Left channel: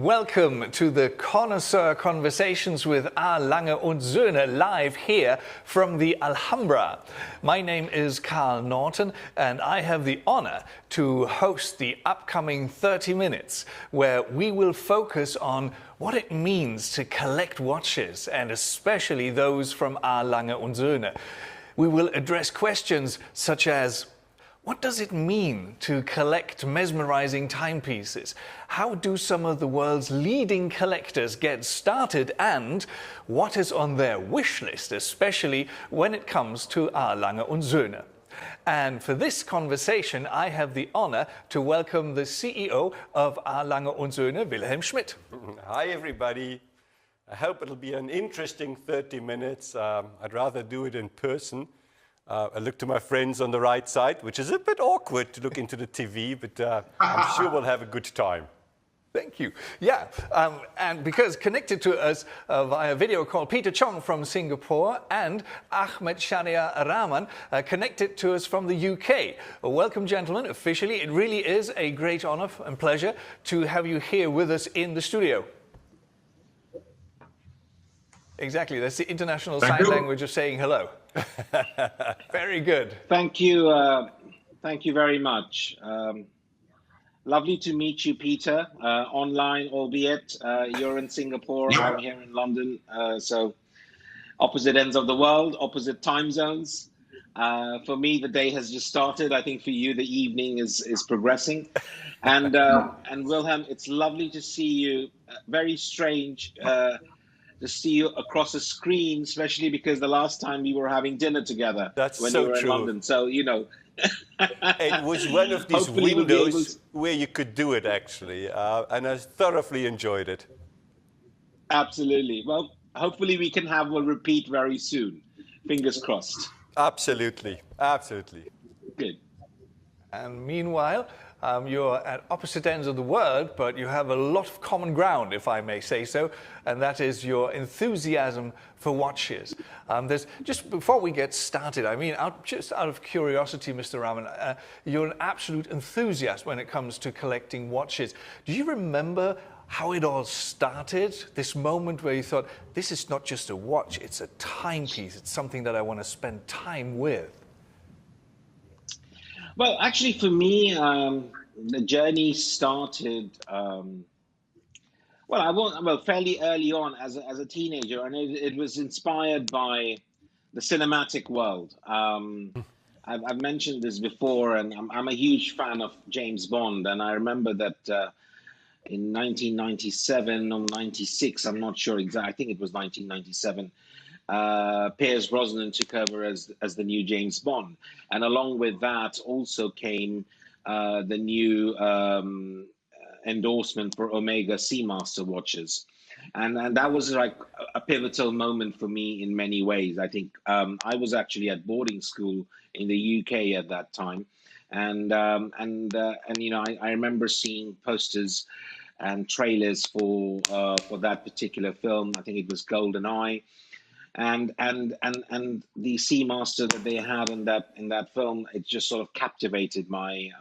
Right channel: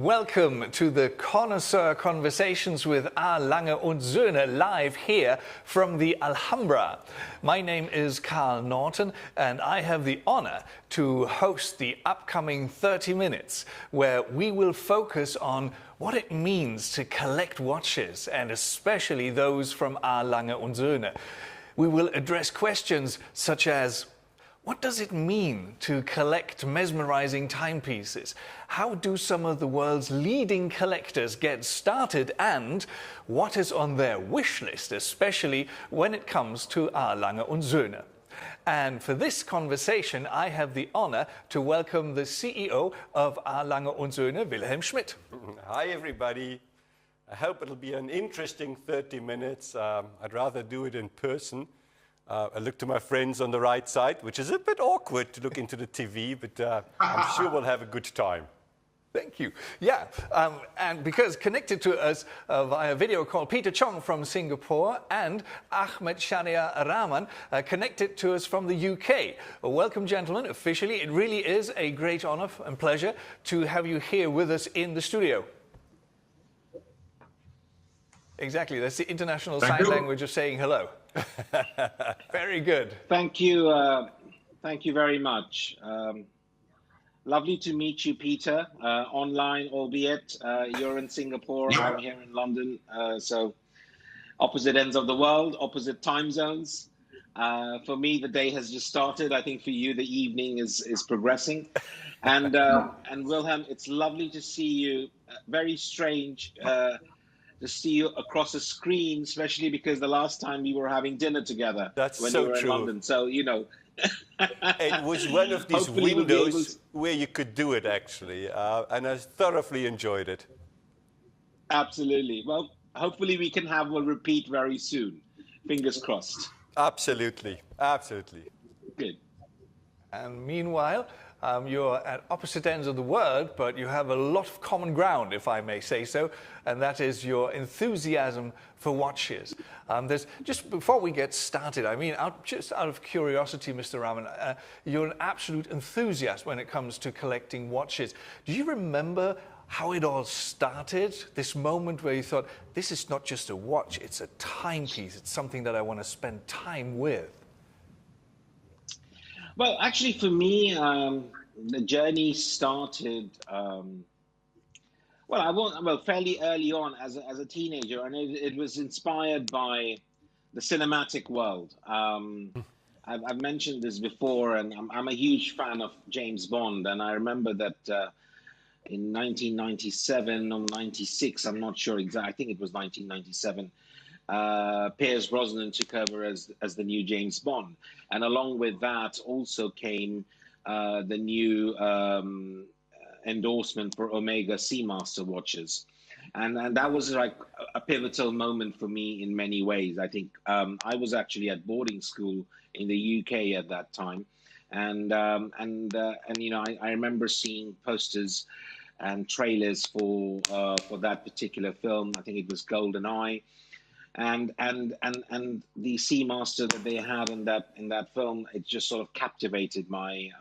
Welcome to the Connoisseur Conversations with R. Lange und Söhne, live here from the Alhambra. My name is Carl Norton, and I have the honor to host the upcoming 30 minutes, where we will focus on what it means to collect watches, and especially those from R. Lange und Söhne. We will address questions such as, what does it mean to collect mesmerizing timepieces? How do some of the world's leading collectors get started? And what is on their wish list, especially when it comes to R. Lange und Söhne? And for this conversation, I have the honor to welcome the CEO of R. Lange und Söhne, Wilhelm Schmidt. Hi, everybody. I hope it'll be an interesting 30 minutes. I'd rather do it in person. I look to my friends on the right side, which is a bit awkward to look into the TV, but I'm sure we'll have a good time. Thank you. Yeah, and because connected to us via video call, Peter Chong from Singapore and Ahmed Shania Rahman connected to us from the UK. Welcome, gentlemen. Officially, it really is a great honor and pleasure to have you here with us in the studio. Exactly, that's the international sign language of saying hello. Very good. Thank you. Thank you very much. Lovely to meet you, Peter, online, albeit you're in Singapore, I'm here in London. So opposite ends of the world, opposite time zones. For me, the day has just started. I think for you, the evening is progressing. And Wilhelm, it's lovely to see you. Very strange to see you across a screen, especially because the last time we were having dinner together when so we were true. in London. So, you know. It was one of these windows where you could do it, actually, and I thoroughly enjoyed it. Absolutely. Well, hopefully we can have a repeat very soon. Fingers crossed. Absolutely. Absolutely. Good. And meanwhile, you're at opposite ends of the world, but you have a lot of common ground, if I may say so, and that is your enthusiasm for watches. There's, just before we get started, I mean, just out of curiosity, Mr. Rahman, you're an absolute enthusiast when it comes to collecting watches. Do you remember how it all started? This moment where you thought, this is not just a watch, it's a timepiece, it's something that I want to spend time with. Well, actually, for me, the journey started, fairly early on as a teenager, and it was inspired by the cinematic world. I've mentioned this before, and I'm a huge fan of James Bond, and I remember that in 1997 or 96, I'm not sure exactly, I think it was 1997, Pierce Brosnan took over as the new James Bond. And along with that also came the new endorsement for Omega Seamaster watches. And that was like a pivotal moment for me in many ways. I think I was actually at boarding school in the UK at that time. And you know, I remember seeing posters and trailers for that particular film. I think it was GoldenEye. And the Seamaster that they had in that film, it just sort of captivated my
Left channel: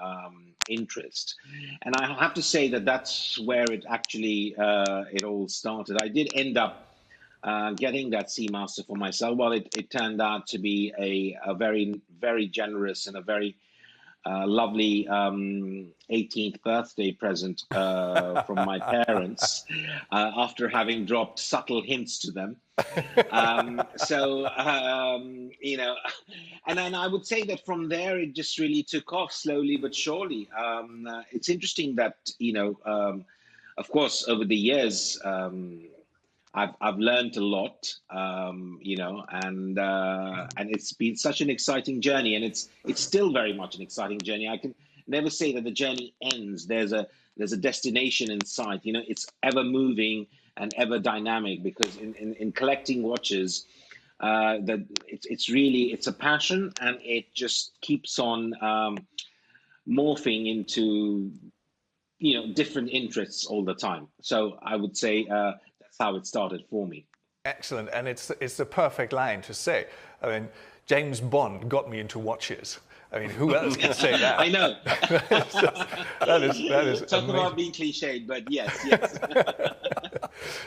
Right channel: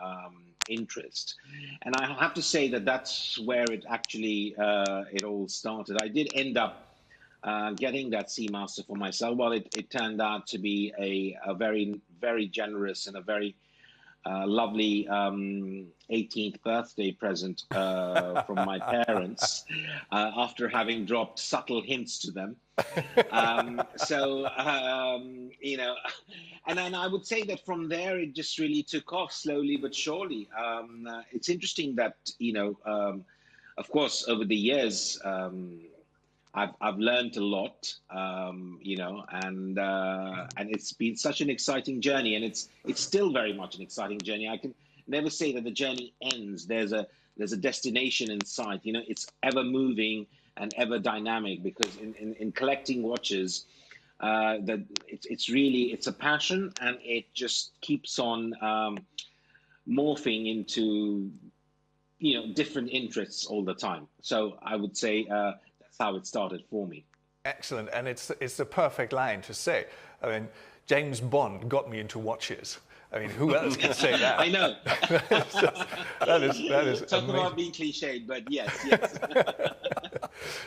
interest. And I have to say that that's where it actually it all started. I did end up getting that Seamaster for myself. Well, it turned out to be a very, very generous and a very lovely 18th birthday present from my parents after having dropped subtle hints to them. You know, and then I would say that from there, it just really took off slowly but surely. It's interesting that, you know, of course, over the years, I've learned a lot, you know, and it's been such an exciting journey, and it's still very much an exciting journey. I can never say that the journey ends. There's a destination in sight. You know, it's ever moving and ever dynamic, because in collecting watches, that it's a passion, and it just keeps on morphing into, you know, different interests all the time. So I would say that's how it started for me. Excellent, and it's the perfect line to say. I mean, James Bond got me into watches. I mean, who else can say that? I know. that is Talk amazing. about being cliched, but yes.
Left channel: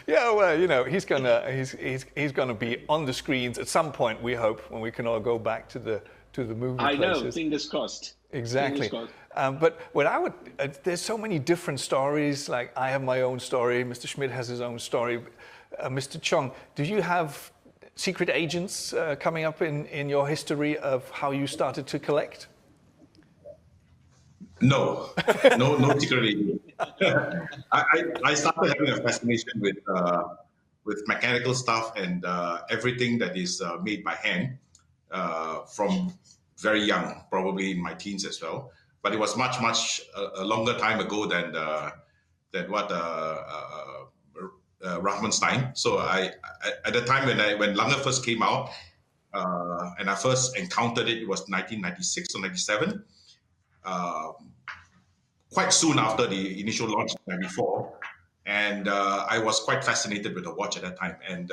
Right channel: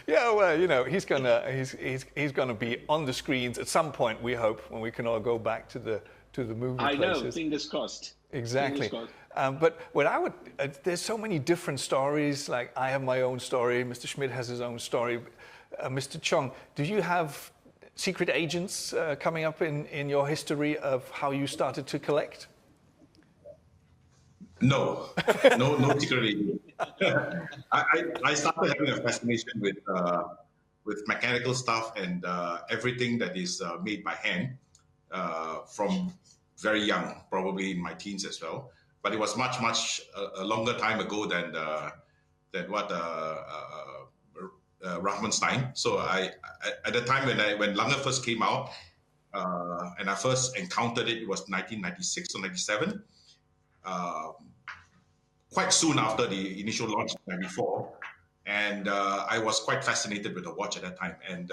Yeah, well, you know, he's gonna be on the screens at some point. We hope, when we can all go back to the movie I places. know. Fingers crossed. Exactly. Fingers crossed. But what I would, there's so many different stories. Like I have my own story. Mr. Schmidt has his own story. Mr. Chong, do you have secret agents coming up in your history of how you started to collect? No, no secretly. I started having a fascination with mechanical stuff and everything that is made by hand from very young, probably in my teens as well. But it was much a longer time ago than what Rahmanstein. So I at the time when Lange first came out and I first encountered it, it was 1996 or 97. Quite soon after the initial launch in 94, and I was quite fascinated with the watch at that time, and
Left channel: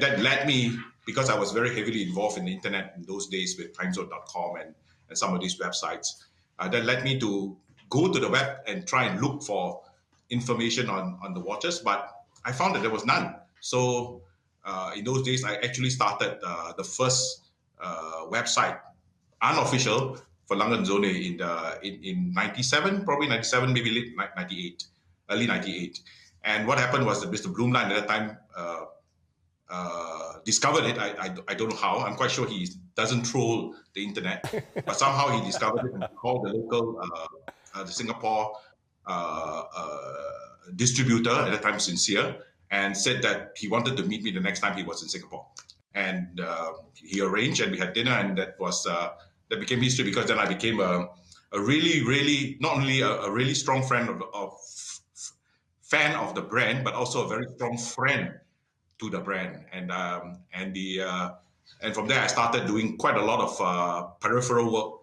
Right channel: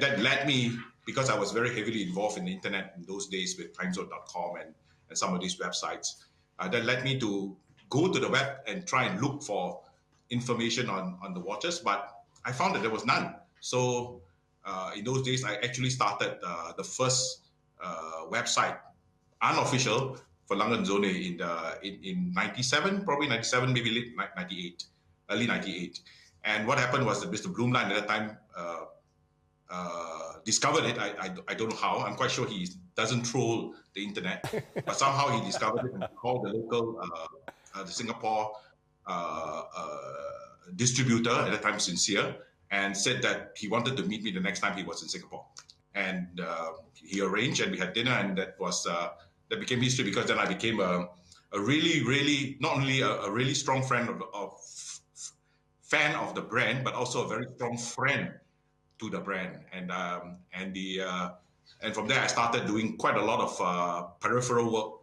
that led me, because I was very heavily involved in the internet in those days with timezone.com and some of these websites, that led me to go to the web and try and look for information on the watches, but I found that there was none. So in those days, I actually started the first website, unofficial, for Lange & Söhne in 97, probably 97, maybe late 98, early 98. And what happened was that Mr. Blumlein at that time discovered it. I don't know how. I'm quite sure he doesn't troll the internet, but somehow he discovered it and called the local, the Singapore distributor at the time, Sincere, and said that he wanted to meet me the next time he was in Singapore. And he arranged, and we had dinner, and that became history, because then I became a really, not only a really strong fan of the brand, but also a very strong friend to the brand. And from there I started doing quite a lot of peripheral work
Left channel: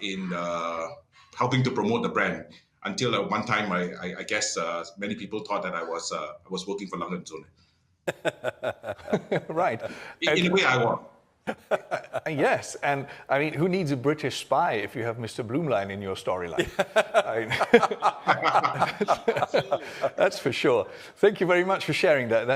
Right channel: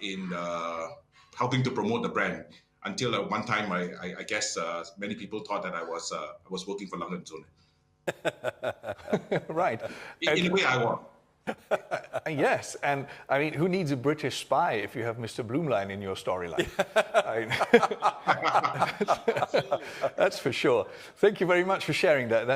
in helping to promote the brand. Until at one time, I guess many people thought that I was working for Lange & Söhne. Right. In a way, I was. Yes, and I mean, who needs a British spy if you have Mr. Blumlein in your storyline? That's for sure. Thank you very much for sharing that.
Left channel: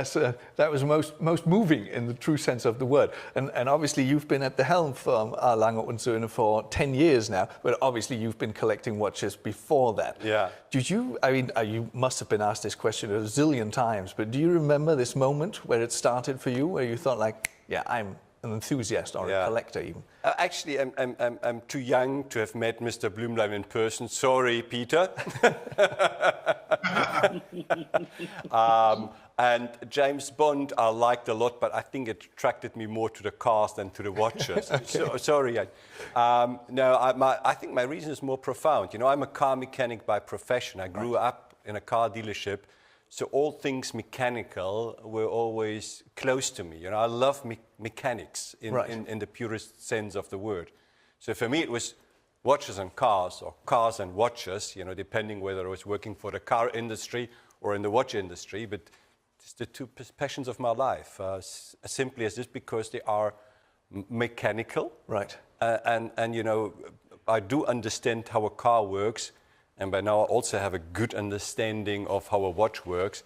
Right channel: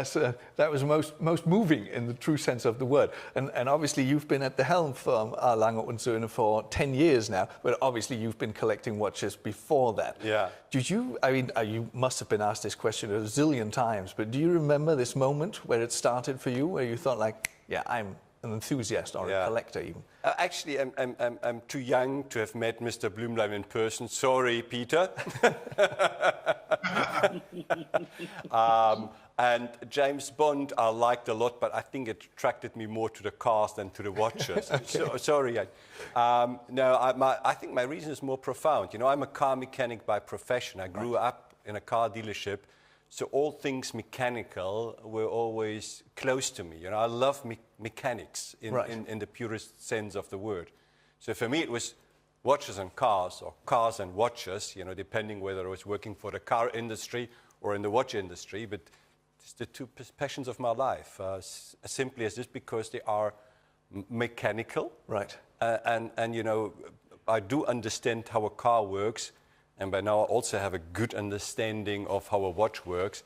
That was most moving in the true sense of the word. And obviously, you've been at the helm from Lange & Söhne for 10 years now, but obviously you've been collecting watches before that. Yeah. Did you? I mean, you must have been asked this question a zillion times, but do you remember this moment where it started for you, where you thought, like, yeah, I'm an enthusiast or a collector even? Actually, I'm too young to have met Mr. Blumlein in person. Sorry, Peter. And James Bond I liked a lot, but I think it attracted me more to the cars than to the watches. Okay. Sorry. I think my reason is more profound. You know, I'm a car mechanic by profession. I grew up in a car dealership. So all things mechanical were always close to me. You know, I love mechanics in the purest sense of the word. So for me, it was watches and cars, or cars and watches, you know, depending whether I was working for the car industry or in the watch industry. But it's the two passions of my life, as simply as this, because they are mechanical. Right. And, you know, I do understand how a car works. And by now I also have a good understanding of how a watch works,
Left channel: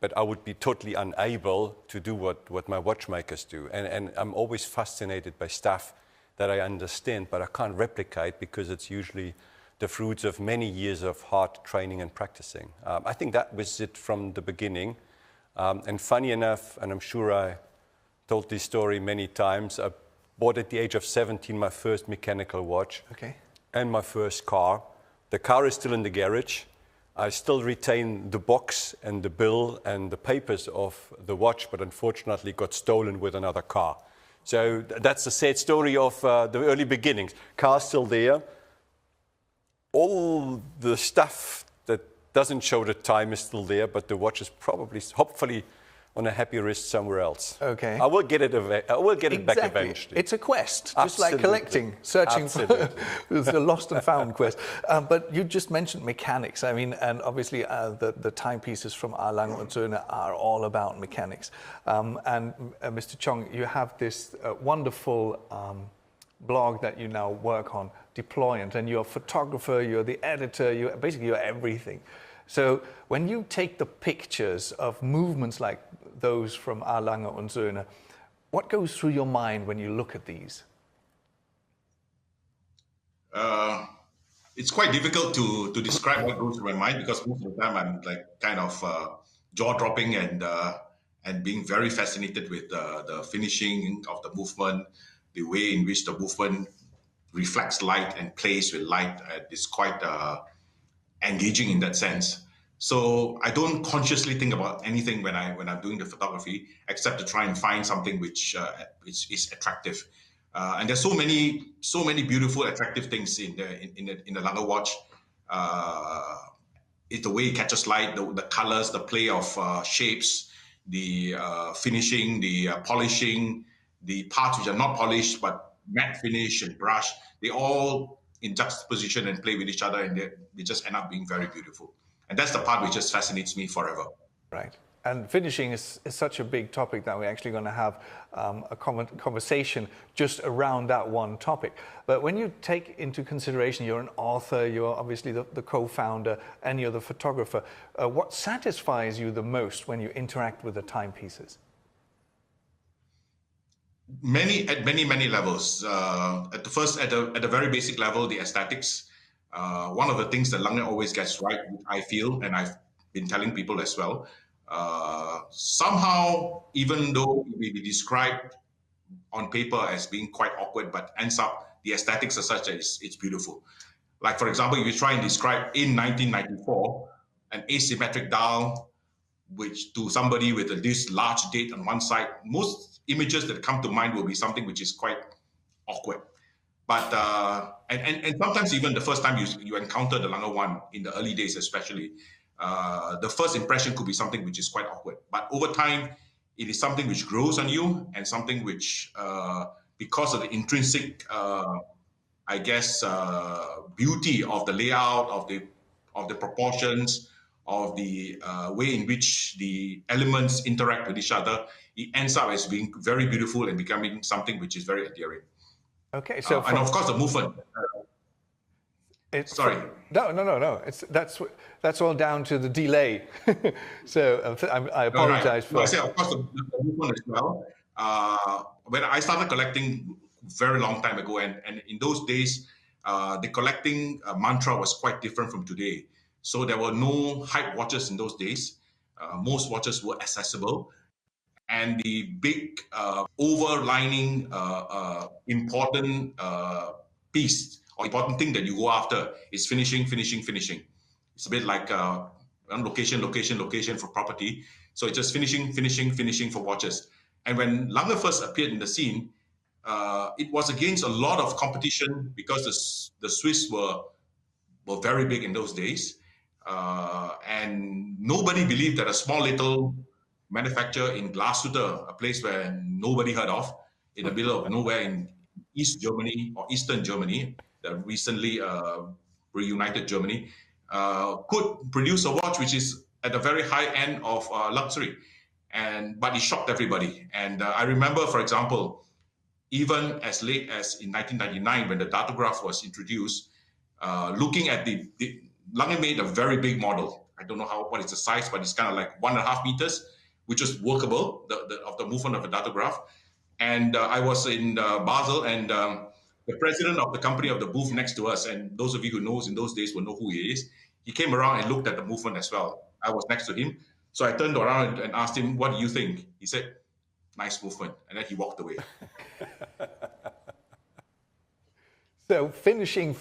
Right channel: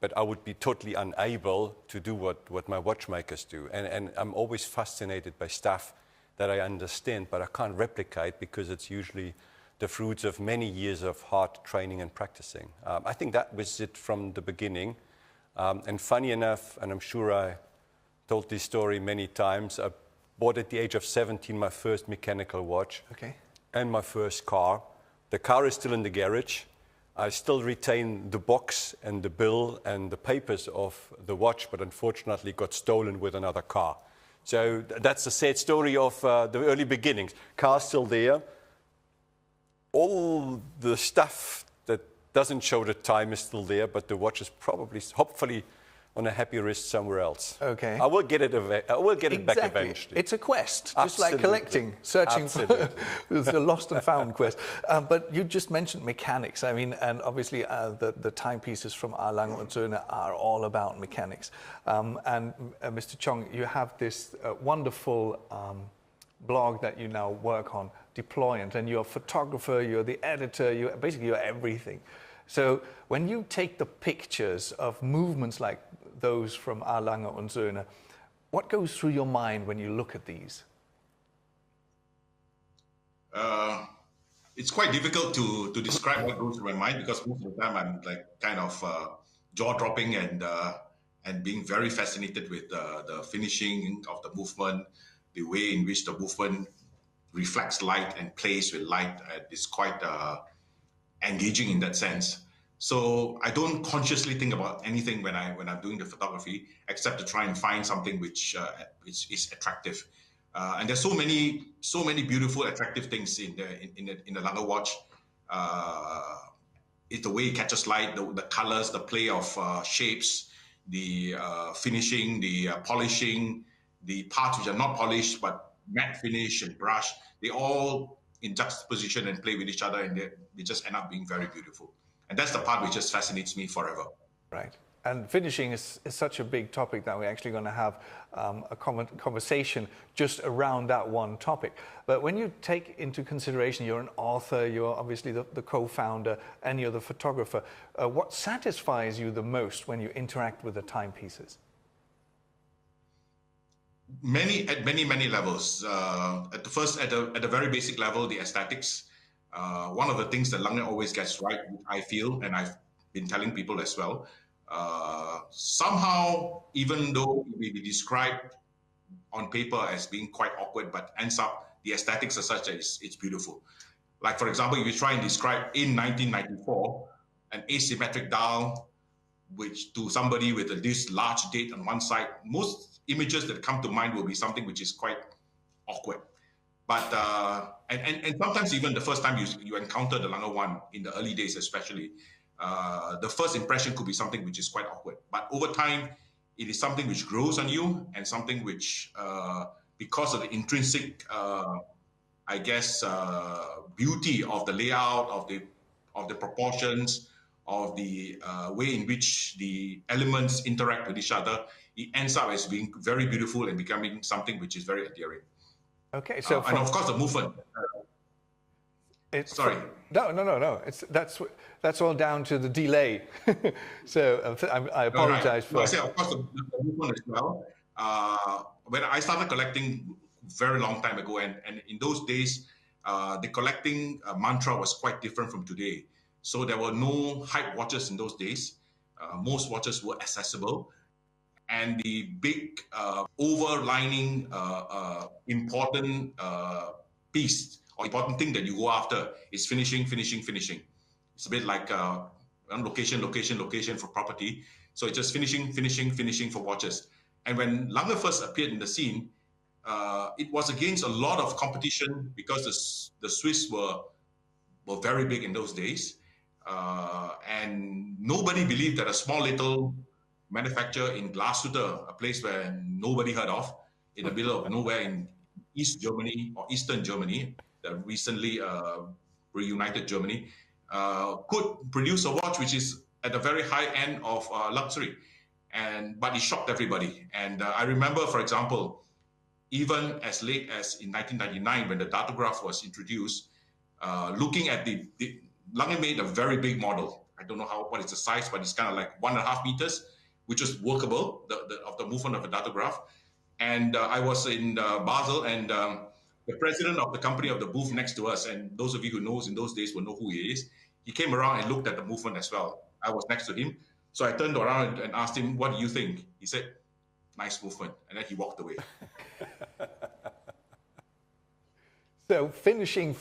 but I would be totally unable to do what my watchmakers do. And I'm always fascinated by stuff that I understand, but I can't replicate, because it's usually the fruits of many years of hard training and practicing. I think that was it from the beginning. And funny enough, and I'm sure I told this story many times, I bought at the age of 17 my first mechanical watch. Okay. And my first car. The car is still in the garage. I still retain the box and the bill and the papers of the watch, but unfortunately got stolen with another car. So that's the sad story of the early beginnings. Car's still there. All the stuff that doesn't show the time is still there, but the watch is probably, hopefully, on a happy wrist somewhere else. Okay. I will get it back eventually. It's a quest, just Absolutely. like collecting, searching for the lost and found quest. But you just mentioned mechanics. I mean, and obviously the timepieces from Lange & Söhne are all about mechanics. And Mr. Chong, you have this wonderful blog that you now work on, Deployant, and you're a photographer, you're the editor, you're everything. So when you take the pictures of movements like those from our Lange und Söhne, what goes through your mind when you look at these? It's quite difficult to describe what goes through my mind, because most of the time I'm like kind of jaw-dropping and being very fascinated with the finishing of the movement, the way in which the movement reflects light and plays with light. It's quite engaging in that sense. So I don't consciously think about anything when I'm doing the photography, except to try and find something which is attractive. And there's so many beautiful, attractive things in the Lange watch. It's the way it catches light, the colors, the play of shapes, the finishing, the polishing, the parts which are not polished but matte finish and brush. They all in juxtaposition and play with each other, and they just end up being very beautiful. And that's the part which just fascinates me forever. Right. And finishing is such a big topic that we're actually going to have a conversation just around that one topic. But when you take into consideration you're an author, you're obviously the co-founder, and you're the photographer, what satisfies you the most when you interact with the timepieces? At many levels. At the very basic level, the aesthetics. One of the things that Lange always gets right, I feel, and I've been telling people as well, somehow, even though it may be described on paper as being quite awkward, but ends up, the aesthetics are such that it's beautiful. Like, for example, if you try and describe in 1994 an asymmetric dial, which to somebody with this large date on one side, most images that come to mind will be something which is quite awkward. But and sometimes even the first time you encounter the Lange one in the early days, especially, the first impression could be something which is quite awkward. But over time, it is something which grows on you, and something which, because of the intrinsic, beauty of the layout, of the proportions, of the way in which the elements interact with each other, it ends up as being very beautiful and becoming something which is very endearing. Okay, so and of course the movement. Sorry. No. That's all down to the delay. So I apologize for. No, I say of course the movement as well. When I started collecting very long time ago, and in those days, the collecting mantra was quite different from today. So there were no hype watches in those days. Most watches were accessible. And the big overlining important piece or important thing that you go after is finishing. It's a bit like location for property. So it's just finishing for watches. And when Lange first appeared in the scene, it was against a lot of competition, because the Swiss were very big in those days. And nobody believed that a small little manufacturer in Glashütte, a place where nobody heard of, in the middle of nowhere in East Germany or Eastern Germany, the recently reunited Germany, could produce a watch which is at the very high end of luxury. But it shocked everybody. And I remember, for example, even as late as in 1999, when the datograph was introduced, looking at the Lange made a very big model. I don't know what is the size, but it's kind of like 1.5 meters, which was workable, of the movement of a datograph. And I was in Basel, and the president of the company of the booth next to us, and those of you who knows in those days will know who he is, he came around and looked at the movement as well. I was next to him. So I turned around and asked him, "What do you think?" He said, "Nice movement." And then he walked away. So finishing,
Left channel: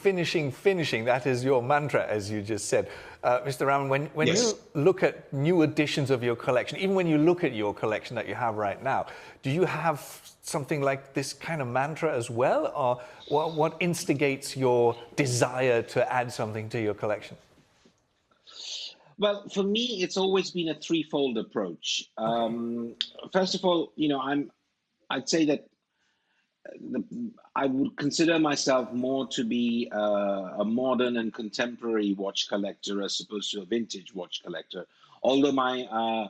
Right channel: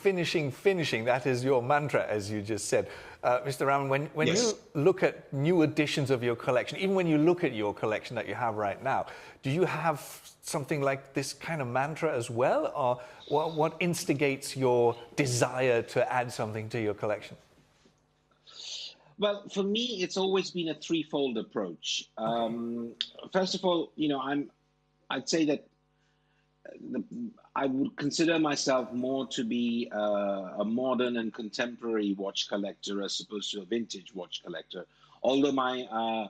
that is your mantra, as you just said. Mr. Raman, when Yes. you look at new additions of your collection, even when you look at your collection that you have right now, do you have something like this kind of mantra as well? Or what instigates your desire to add something to your collection? Well, for me, it's always been a threefold approach. First of all, I'd say that I would consider myself more to be a modern and contemporary watch collector as opposed to a vintage watch collector. Although my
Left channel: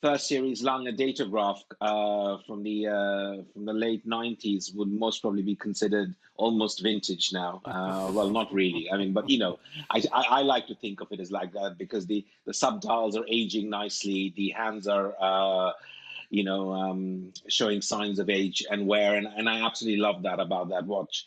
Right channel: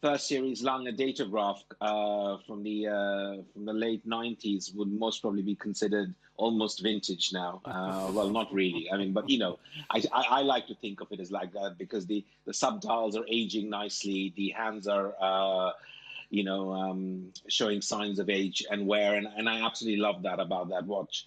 first series Lange Datograph from the late 90s would most probably be considered almost vintage now. Well, not really. I mean, but I like to think of it as like that because the subdials are aging nicely. The hands are showing signs of age and wear, and I absolutely love that about that watch.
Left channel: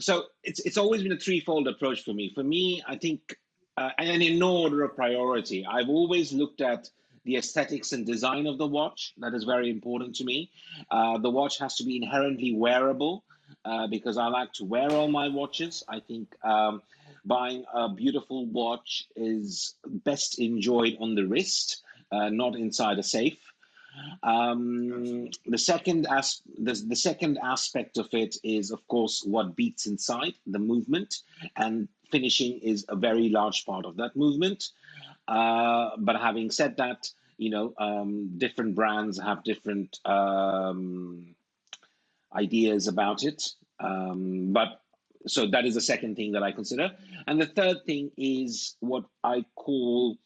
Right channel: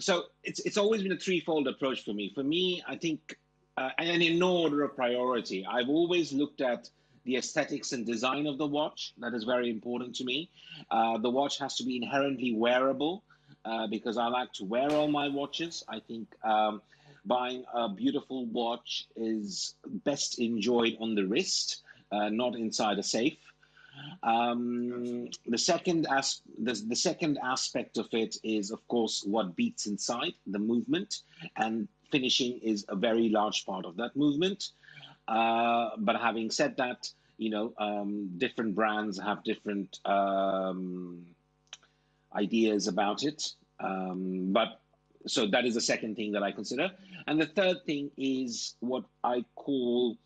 So it's always been a threefold approach for me. For me, I think, and in no order of priority, I've always looked at the aesthetics and design of the watch. That is very important to me. The watch has to be inherently wearable because I like to wear all my watches. I think buying a beautiful watch is best enjoyed on the wrist, not inside a safe. The second aspect of it is, of course, what beats inside, the movement, and finishing is a very large part of that movement. But having said that, different brands have different ideas about it. So that is the second thing that I consider. And the third thing is what I call,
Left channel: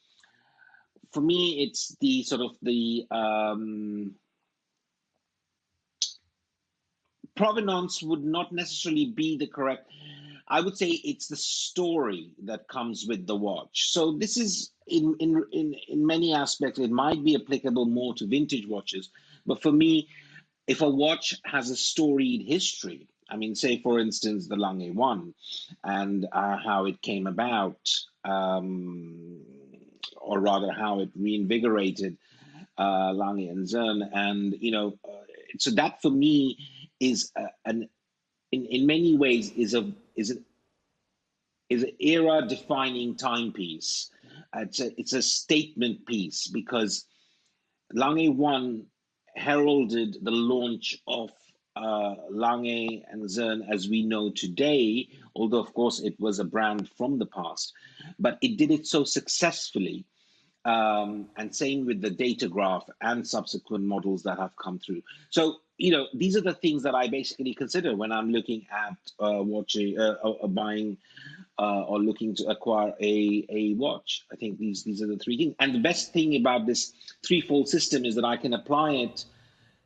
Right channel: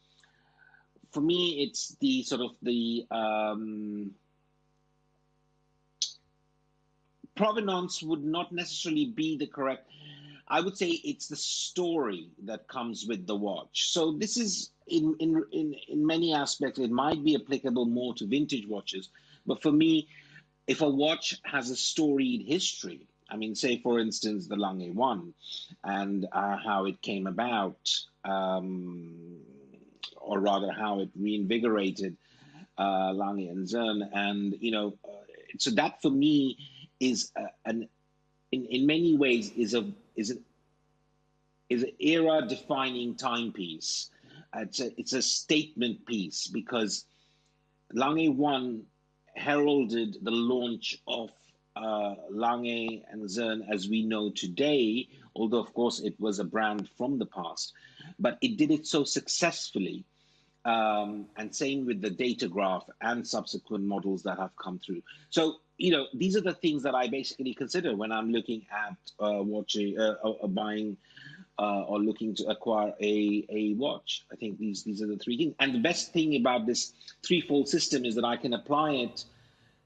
for me, it's the sort of the provenance would not necessarily be the correct. I would say it's the story that comes with the watch. So this is in many aspects, it might be applicable more to vintage watches. But for me, if a watch has a storied history, I mean, say, for instance, the Lange 1 and how it came about, or rather how it reinvigorated Lange and Zern. And, so that for me is in many ways is an era-defining timepiece. It's a statement piece because Lange 1 heralded the launch of Lange and Zern as we know today, although of course it was a brand from the past, but it did it so successfully. And same with the Datograph and subsequent models that have come through. So, these are the things that I basically consider when I'm looking at watching, buying, or looking to acquire a watch. I think these are the three things. And the best thing about this threefold system is that I can apply it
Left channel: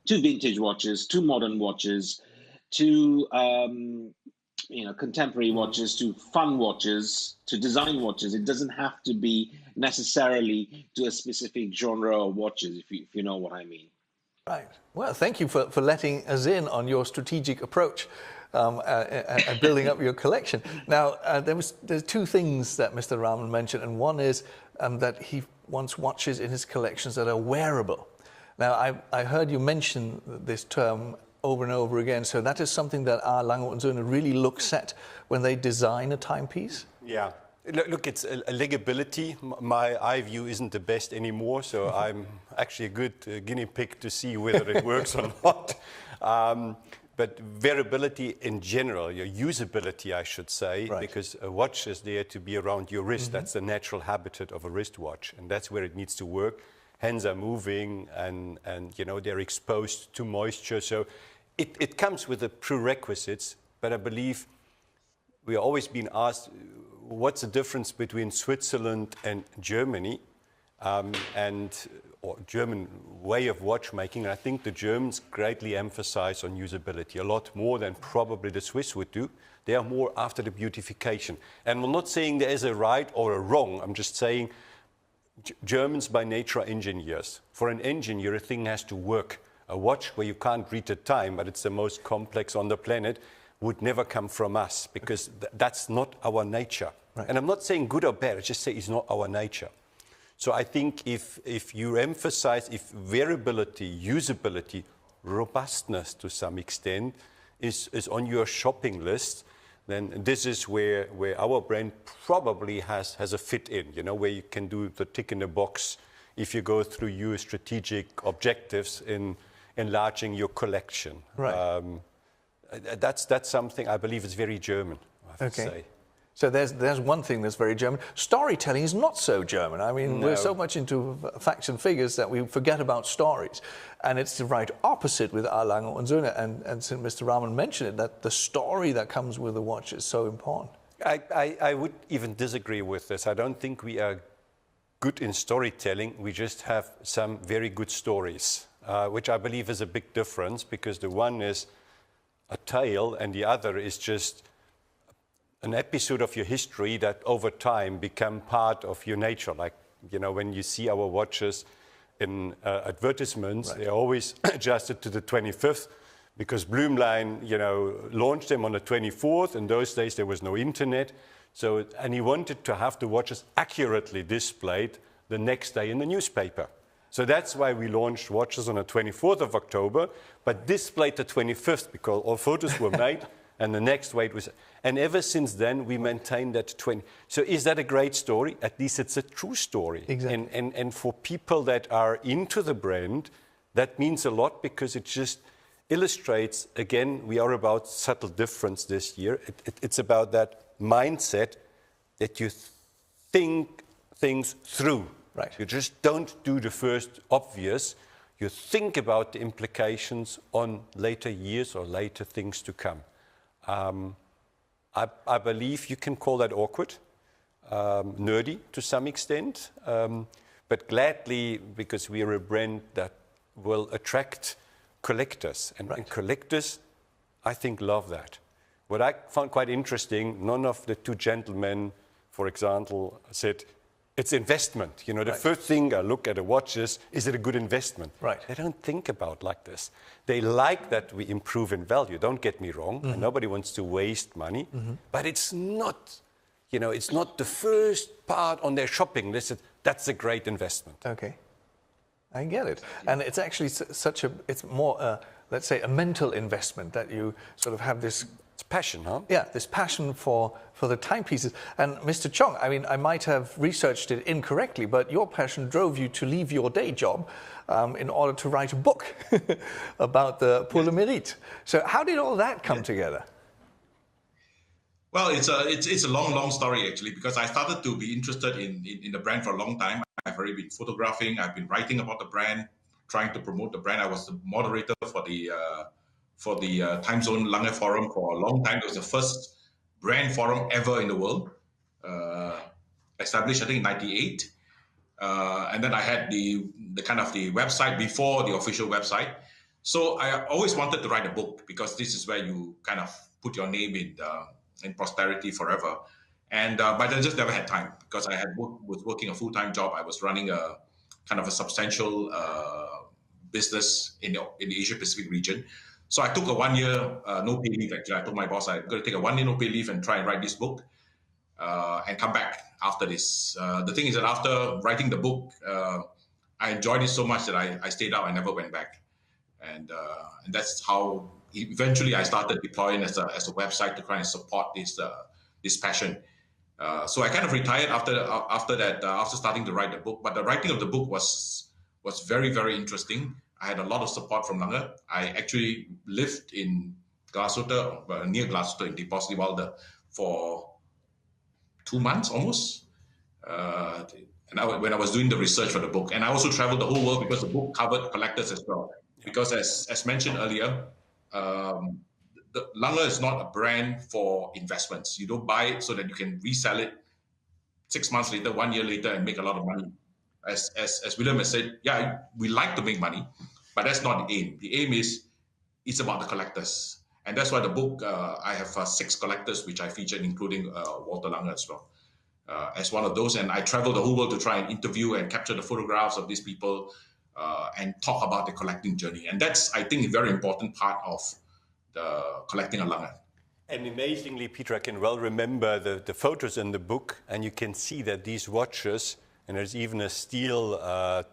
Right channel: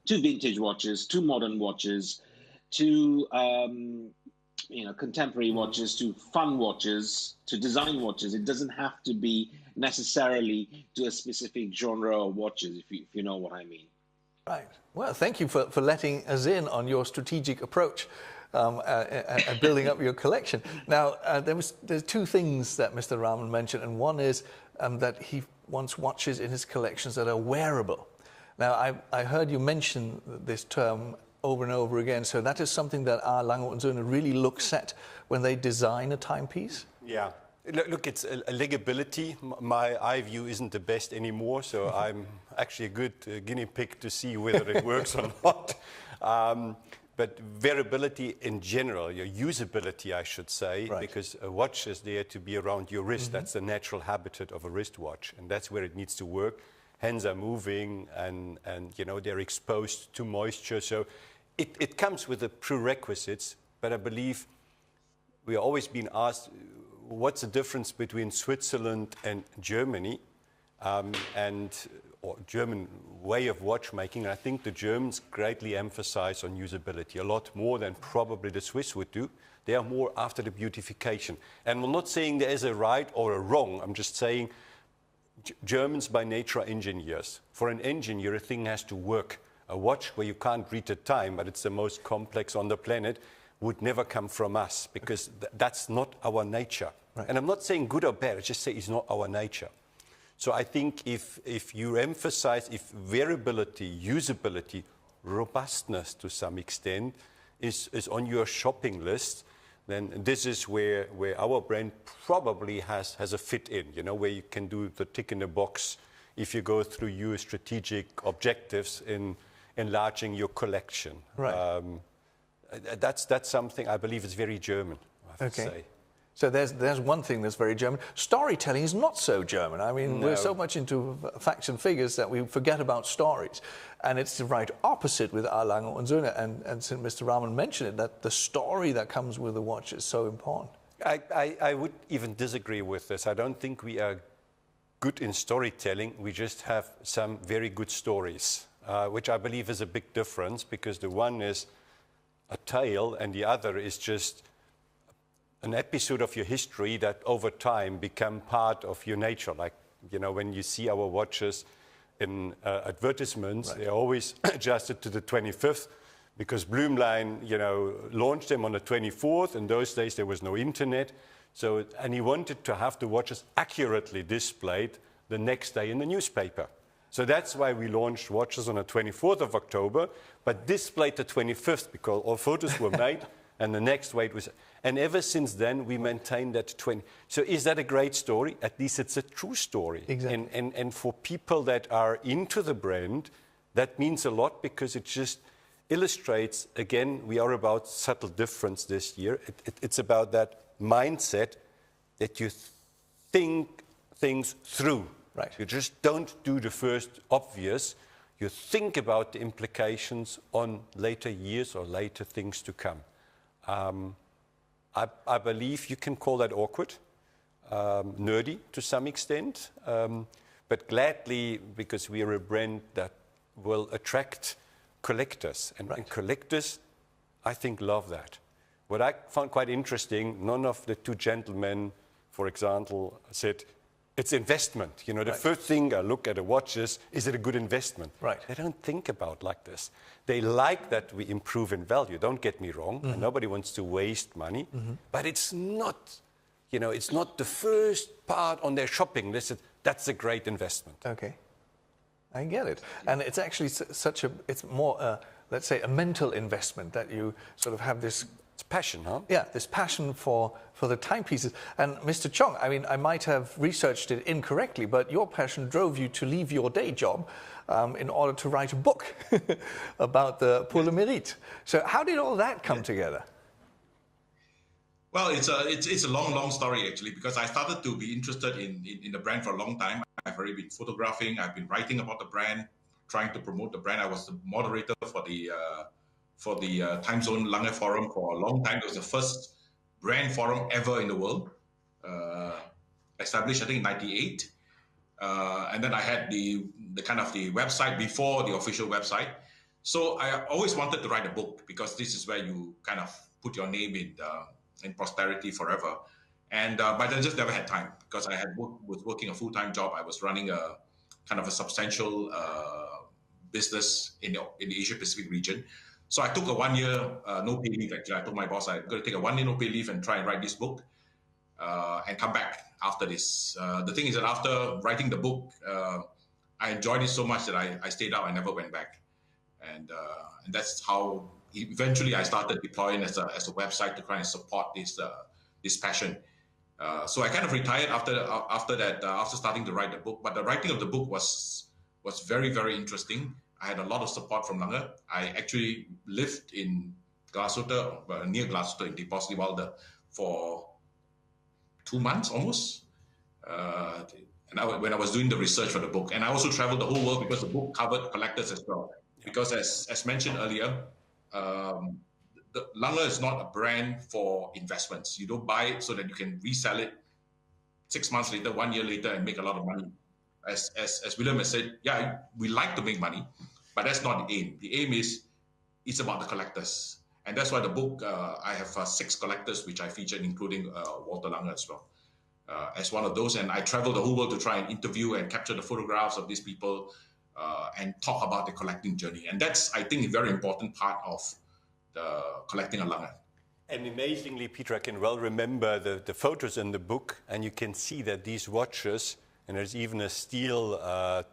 to vintage watches, to modern watches, to contemporary watches, to fun watches, to design watches. It doesn't have to be necessarily to a specific genre of watches, if you know what I mean. Right. Well, thank you for letting us in on your strategic approach and building up your collection. Now, there's two things that Mr. Raman mentioned, and one is that he wants watches in his collections that are wearable. Now, I heard you mention this term over and over again, so that is something that our Lange & Söhne really looks at when they design a timepiece? Yeah. Look, it's a legibility. My eye view isn't the best anymore, so I'm actually a good guinea pig to see whether it works or not. But wearability in general, your usability, I should say, right, because a watch is there to be around your wrist. That's the natural habitat of a wristwatch, and that's where it needs to work. Hands are moving, and they're exposed to moisture. So it comes with the prerequisites, but I believe we are always being asked, what's the difference between Switzerland and Germany, or German way of watchmaking? And I think the Germans greatly emphasize on usability, a lot more than probably the Swiss would do. They are more after the beautification. And I'm not saying there is a right or a wrong. I'm just saying Germans by nature are engineers. For an engineer, a thing has to work. A watch where you can't read the time, but it's the most complex on the planet, would never come from us, because that's not our nature. Right. And I'm not saying good or bad, I just say it's not our nature. So I think if you emphasize, if variability, usability, robustness to some extent is on your shopping list, then this is where our brand probably has a fit in, where you can do the tick in the box if you go through your strategic objectives in enlarging your collection. Right. That's something I believe is very German, I have to say. So there's one thing that's very German. Storytelling is not so German. I mean, we're so much into facts and figures that we forget about stories. And it's the right opposite with our Lange & Söhne. And since Mr. Raman mentioned it, that the story that comes with the watch is so important. I would even disagree with this. I don't think we are good in storytelling. We just have some very good stories, which I believe is a big difference, because the one is a tale and the other is just an episode of your history that over time become part of your nature. Like, you know, when you see our watches in advertisements, they're always adjusted to the 25th, because Bloomline, you know, launched them on the 24th. In those days, there was no internet. So, and he wanted to have the watches accurately displayed the next day in the newspaper. So that's why we launched watches on the 24th of October, but displayed the 25th, because all photos were made, and the next weight was... And ever since then, we maintained that 20. So is that a great story? At least it's a true story. Exactly. And for people that are into the brand, that means a lot, because it just illustrates, again, we are about subtle difference this year. It's about that mindset that you think things through. Right. You just don't do the first obvious. You think about the implications on later years or later things to come. I believe you can call that awkward, nerdy to some extent, but gladly, because we are a brand that will attract collectors. And collectors, I think, love that. What I found quite interesting, none of the two gentlemen, for example, said, it's investment. You know, the first thing I look at a watch is it a good investment? Right. They don't think about like this. They like that we improve in value. Don't get me wrong. And nobody wants to waste money. But it's not, you know, it's not the first part on their shopping list. That's a great investment. Okay. I get it. And it's actually it's more, let's say, a mental investment, that you sort of have this... It's passion, huh? Yeah, this passion for the timepieces. And Mr. Chong, I mean, I might have researched it incorrectly, but your passion drove you to leave your day job in order to write a book about the Pour le Mérite. So how did all that come together? Well, it's a long story, actually, because I started to be interested in the brand for a long time. I've already been photographing. I've been writing about the brand, trying to promote the brand. I was the moderator for the Time Zone Lange Forum for a long time. It was the first brand forum ever in the world, established, I think, in '98. And then I had the kind of the website before the official website. So I always wanted to write a book, because this is where you kind of put your name in posterity forever. And but I just never had time, because I was working a full-time job. I was running a kind of a substantial business in the Asia Pacific region. So I took a 1 year no pay leave. Actually, I told my boss I'm going to take a 1 year no pay leave and try and write this book and come back after this. The thing is that after writing the book, I enjoyed it so much that I stayed out and never went back. And that's how eventually I started deploying as a website to try and support this passion. So I kind of retired after that, after starting to write the book. But the writing of the book was very, very interesting. I had a lot of support from Lange. I actually lived in Glashütte, near Glashütte in Diepos de Walde, for 2 months almost. When I was doing the research for the book. And I also traveled the whole world, because the book covered collectors as well. Because as mentioned earlier, Lange is not a brand for investments. You don't buy it so that you can resell it 6 months later, 1 year later, and make a lot of money. As William has said, yeah, we like to make money, but that's not the aim. The aim is, it's about the collectors. And that's why the book, I have 6 collectors, which I featured, including Walter Lange as well, as one of those. And I traveled the whole world to try and interview and capture the photographs of these people and talk about the collecting journey. And that's, I think, a very important part of the collecting a Lange. And amazingly, Peter, I can well remember the photos in the book, and you can see that these watches, and there's even a steel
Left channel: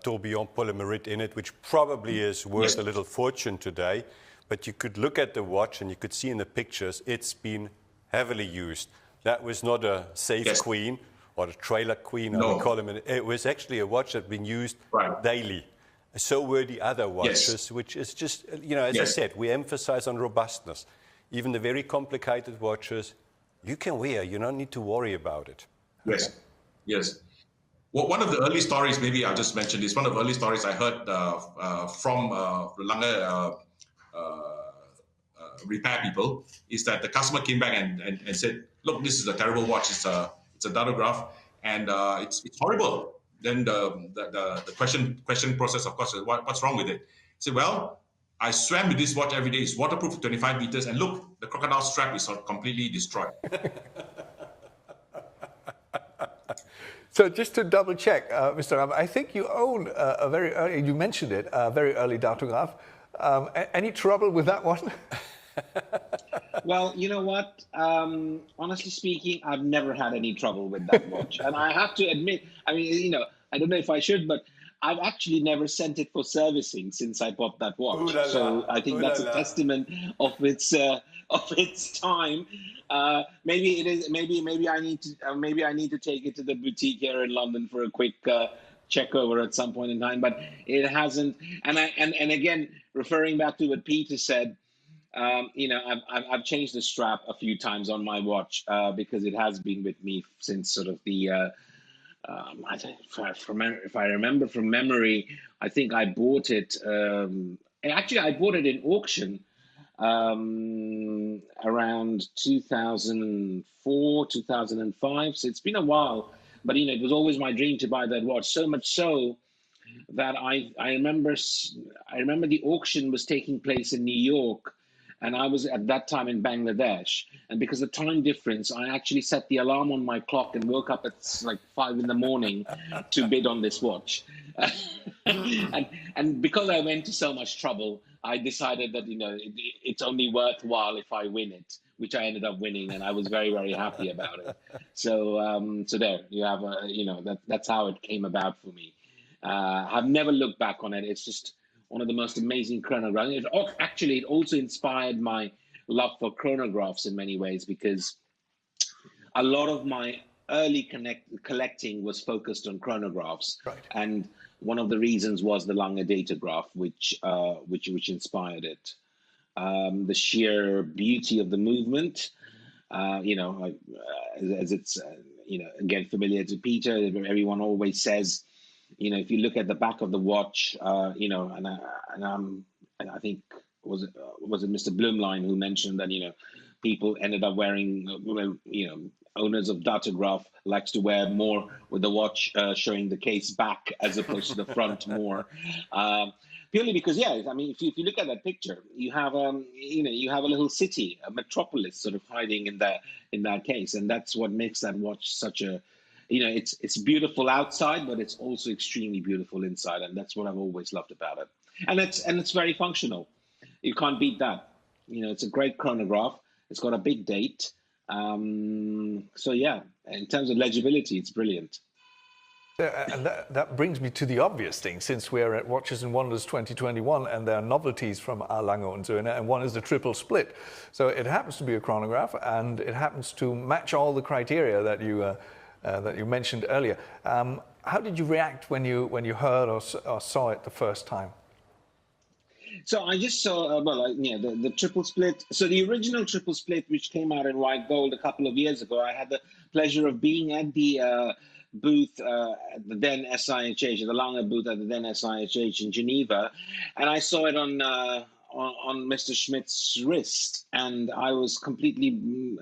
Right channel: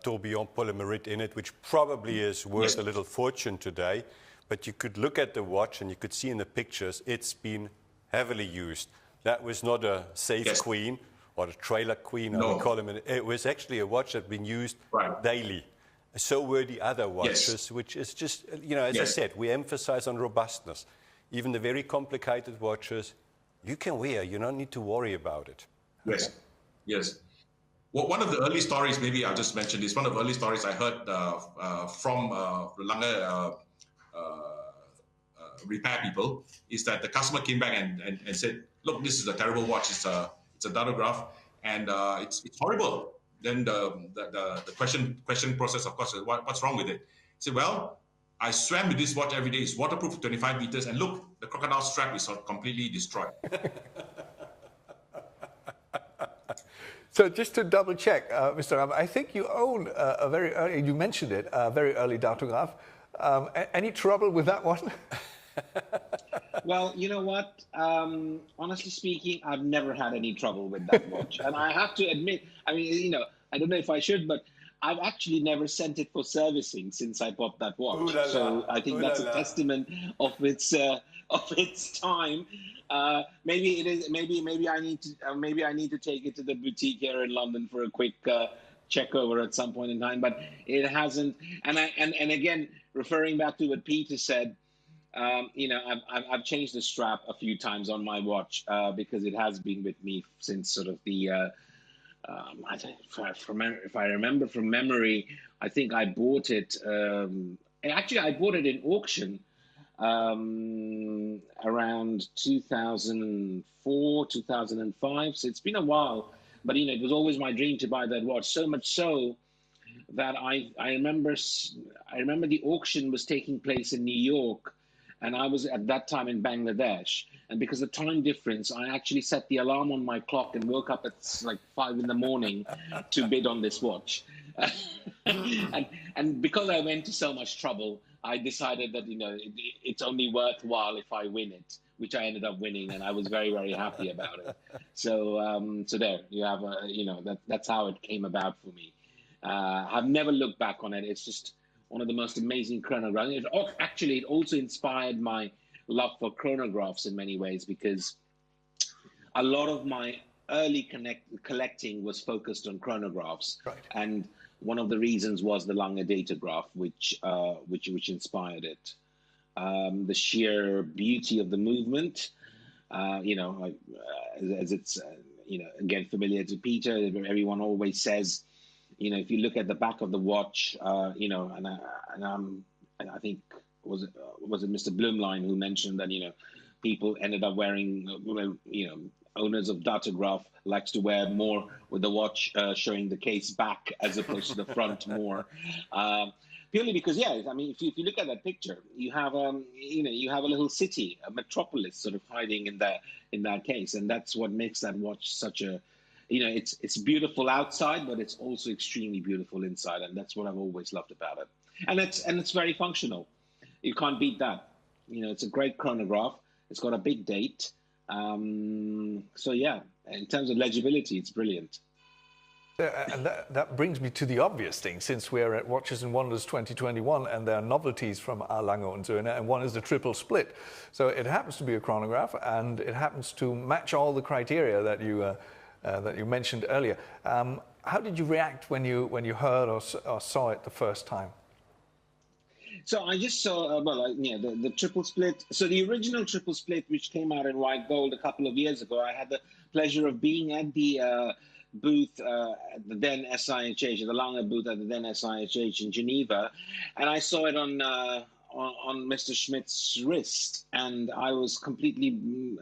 tourbillon Pour le Mérite in it, which probably is worth a little fortune today. But you could look at the watch and you could see in the pictures, it's been heavily used. That was not a safe queen or a trailer queen, I would call them. It was actually a watch that had been used daily. So were the other watches, which is just, you know, as I said, we emphasize on robustness. Even the very complicated watches, you can wear, you don't need to worry about it. Yes. Well, one of the early stories, maybe I'll just mention this, one of the early stories I heard from Lange repair people is that the customer came back and said, look, this is a terrible watch. It's a Datograph, and it's horrible. then the question process, of course, is what's wrong with it? I said, well, I swam with this watch every day. It's waterproof for 25 meters, and look, the crocodile strap is completely destroyed. So just to double check, Mr. Ram, I think you own a very early, you mentioned it, a very early datograph. Any trouble with that one? Well, you know what? Honestly speaking, I've never had any trouble with that watch. And I have to admit, I mean, I don't know if I should, but I've actually never sent it for servicing since I bought that watch. So I think that's a testament of its time. Maybe it is. Maybe I need to take it to the boutique here in London for a quick check over at some point in time. But it hasn't. And again, referring back to what Peter said. I've changed the strap a few times on my watch because it has been with me since sort of the. If I remember from memory, I think I bought it. Actually, I bought it in auction around 2004, 2005. So it's been a while, but it was always my dream to buy that watch. So much so that I remember the auction was taking place in New York. And I was at that time in Bangladesh. And because of time difference, I actually set the alarm on my clock and woke up at like 5 in the morning to bid on this watch. and because I went to so much trouble, I decided that, it's only worthwhile if I win it, which I ended up winning. And I was very, very happy about it. So there you have, that's how it came about for me. I've never looked back on it. It's just one of the most amazing chronographs. Actually, it also inspired my love for chronographs in many ways, because a lot of my early collecting was focused on chronographs. Right. And one of the reasons was the Lange datograph, which inspired it. The sheer beauty of the movement, as it's, again, familiar to Peter, everyone always says, if you look at the back of the watch, and I think was it Mr. Blumlein who mentioned that people ended up wearing, owners of datograph likes to wear more with the watch showing the case back as opposed to the front more, purely because if you look at that picture, you have you have a little city, a metropolis sort of hiding in that case, and that's what makes that watch such a it's beautiful outside, but it's also extremely beautiful inside, and that's what I've always loved about it. And it's very functional. You can't beat that. It's a great chronograph. It's got a big date. So yeah, in terms of legibility, it's brilliant. And that brings me to the obvious thing, since we're at Watches and Wonders 2021, and there are novelties from our Lange und Söhne, and one is the triple split. So it happens to be a chronograph, and it happens to match all the criteria that you mentioned earlier. How did you react when you heard or saw it the first time? So I just saw, the triple split. So the original triple split, which came out in white gold a couple of years ago, I had the pleasure of being at the booth at the then SIHH, the Lange booth at the then SIHH in Geneva, and I saw it on Mr. Schmidt's wrist, and I was completely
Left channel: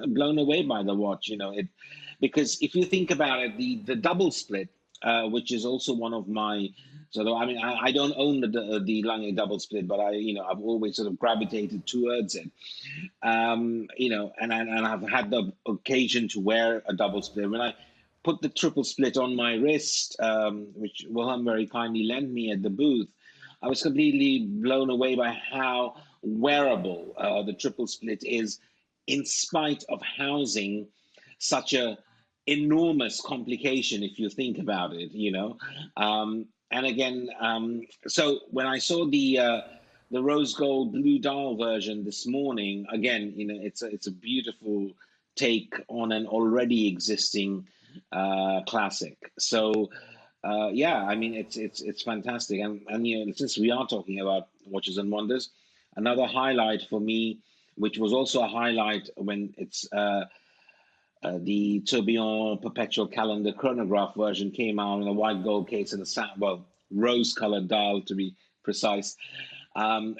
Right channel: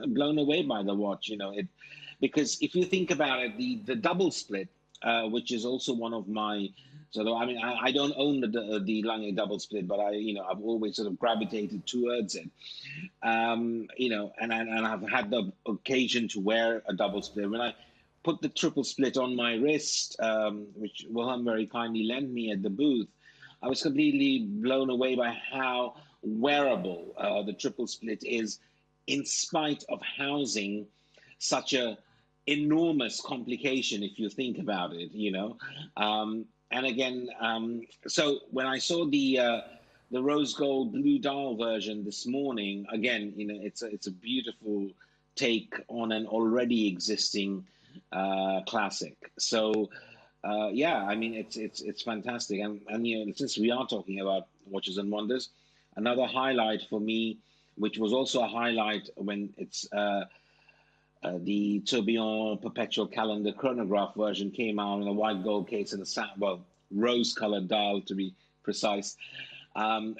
blown away by the watch. Because if you think about it, the double split, which is also one of my, I don't own the Lange double split, but I've always sort of gravitated towards it, and I've had the occasion to wear a double split. When I put the triple split on my wrist, which Wilhelm very kindly lent me at the booth, I was completely blown away by how wearable the triple split is, in spite of housing such a enormous complication if you think about it, and again, so when I saw the rose gold blue dial version this morning, again, it's a beautiful take on an already existing classic. So it's fantastic, and since we are talking about Watches and Wonders, another highlight for me, which was also a highlight when it's the Tourbillon Perpetual Calendar chronograph version came out in a white gold case and a rose-colored dial, to be precise,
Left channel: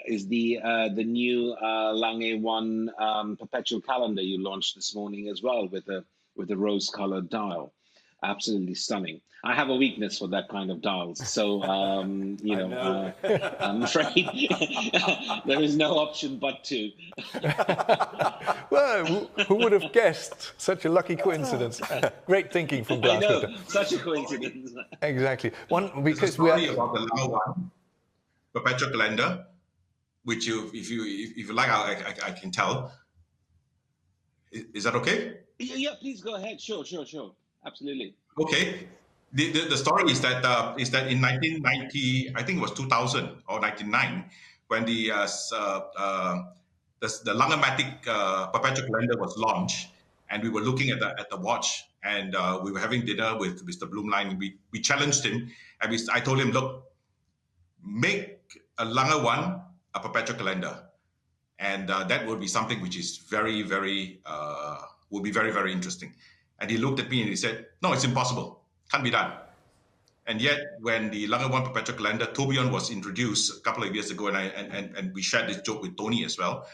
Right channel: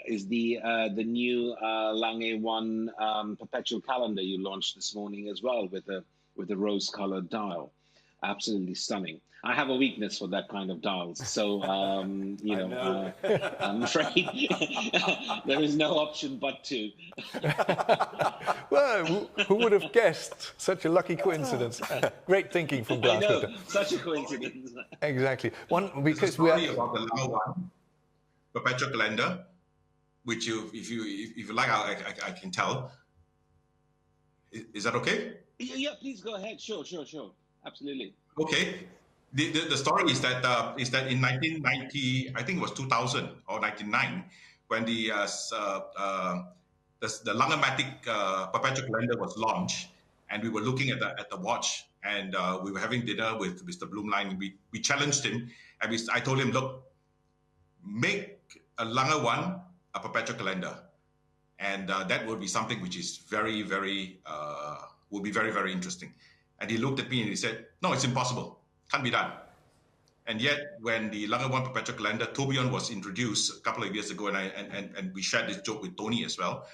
is the new Lange 1 Perpetual Calendar you launched this morning as well, with a rose-colored dial. absolutely stunning. I have a weakness for that kind of dials, so I'm afraid there is no option but to. Well, who would have guessed such a lucky coincidence? Great thinking from I know, Glasgow. such a coincidence. Exactly. One There's a because story about the Lange one, perpetual calendar, which if you like, I can tell. Is that okay? Yeah, please go ahead. Sure. Absolutely. Okay. The story is that in 1990, I think it was 2000 or 99, when the Langematic perpetual calendar was launched, and we were looking at the watch, and we were having dinner with Mr. Blumlein. We challenged him, and I told him, look, make a Lange one a perpetual calendar, and that would be something which is very, very will be very, very interesting. And he looked at me and he said, no, it's impossible. Can't be done. And yet, when the Lange One perpetual calendar tourbillon was introduced a couple of years ago, and we shared this joke with Tony as well,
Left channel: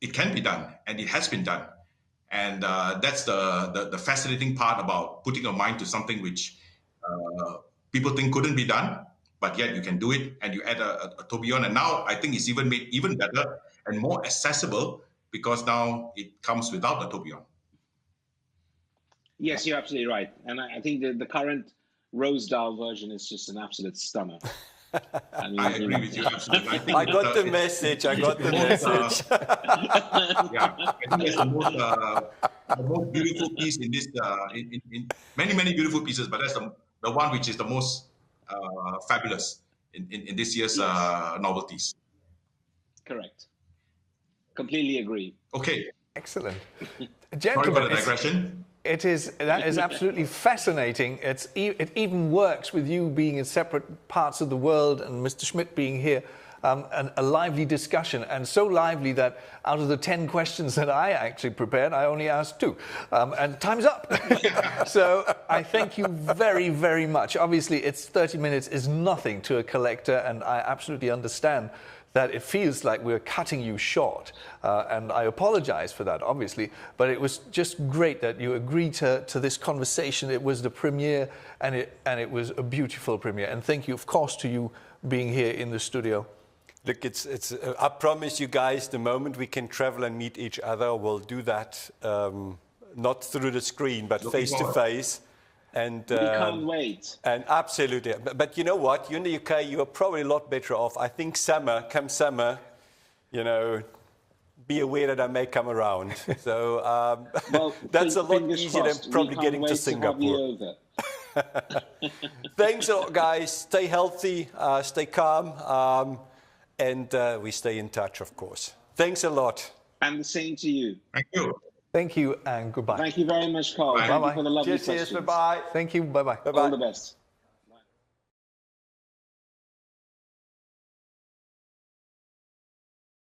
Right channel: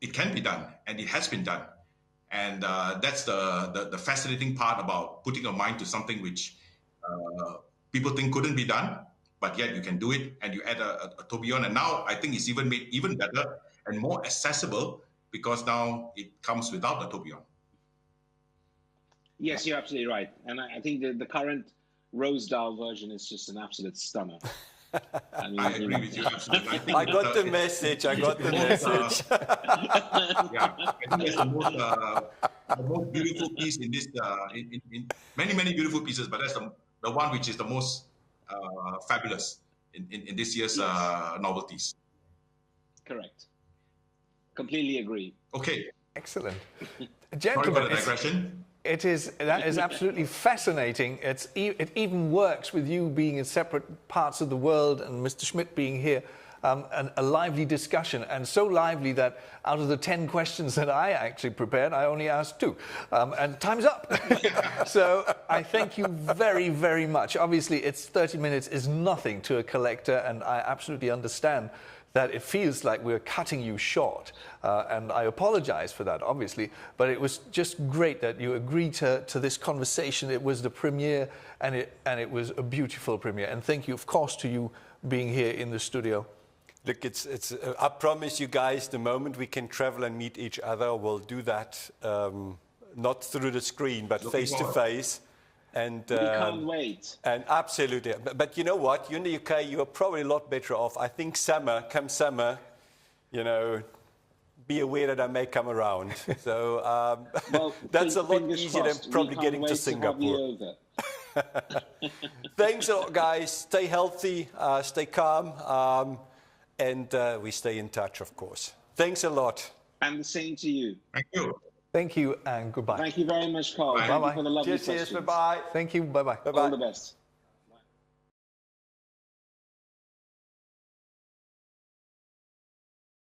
it can be done, and it has been done. And that's the fascinating part about putting your mind to something which people think couldn't be done, but yet you can do it, and you add a tourbillon. And now I think it's even made even better and more accessible, because now it comes without the tourbillon. Yes, you're absolutely right. And I think the current rose dial version is just an absolute stunner. I agree with you, absolutely. I got the message. I got the message. Yeah, I think that's the most beautiful piece in this, in many beautiful pieces, but that's the one which is the most fabulous in this year's novelties. Correct. Completely agree. Okay. excellent. Sorry for Gentlemen, the digression. that is absolutely fascinating. It even works with you being in separate parts of the world and Mr. Schmidt being here. A lively discussion, and so lively that out of the 10 questions that I actually prepared, I only asked 2. And time's up. So I thank you very, very much. Obviously, 30 minutes is nothing to a collector, and I absolutely understand that it feels like we're cutting you short. And I apologize for that, obviously. But it was just great that you agreed to this conversation. It was the premiere, and it was a beautiful premiere. And thank you, of course, to you being here in the studio. Look, I promise you guys, the moment we can travel and meet each other, we'll do that, not through the screen, but face to face. And we can't wait. And absolutely. But you know what? You're in the UK, you're probably a lot better off. I think come summer, be aware that I may come around. So that's a lot easier than probably getting to Singapore. Thanks a lot, guys. Stay healthy, stay calm. And we stay in touch, of course. Thanks a lot. And the same to you. Thank you. Thank you, and goodbye. Thank you very much, Carl. Bye. Thank you for the lovely Cheers, questions. bye-bye. Thank you, bye-bye. All the best.